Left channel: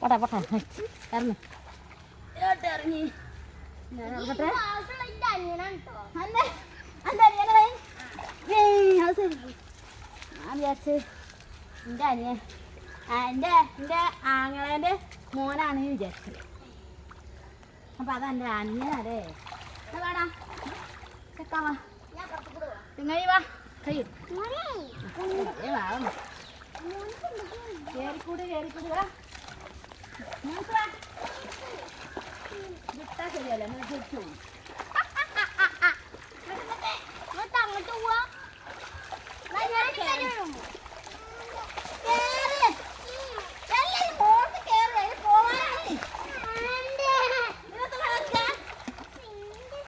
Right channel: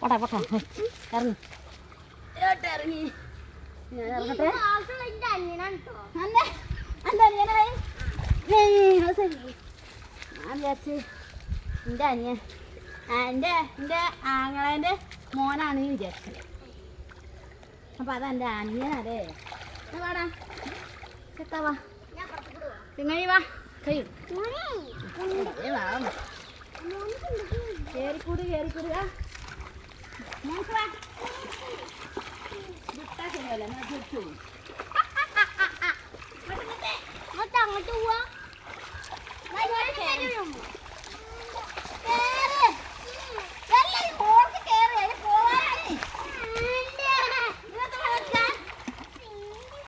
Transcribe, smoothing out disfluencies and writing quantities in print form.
പോട്ടെ പോട്ടെ ഇറങ്ങി ഇറങ്ങി ഞാൻ വിചാരിച്ച് എൻ്റെ അനിയൻ എൻ്റെ ആങ്ങളേൻ്റെ മോനാണ് വിചാരിച്ചത്. അപ്പം അതെൻ്റെ അനിയനല്ലേ വാടാ എത്താവാ ചെങ്ങായി വാ കഴിയും കയറിക്കൂട് കയറിക്കൂടുക വിട്ടാ ശരിയല്ല തിരിച്ചു പോകും.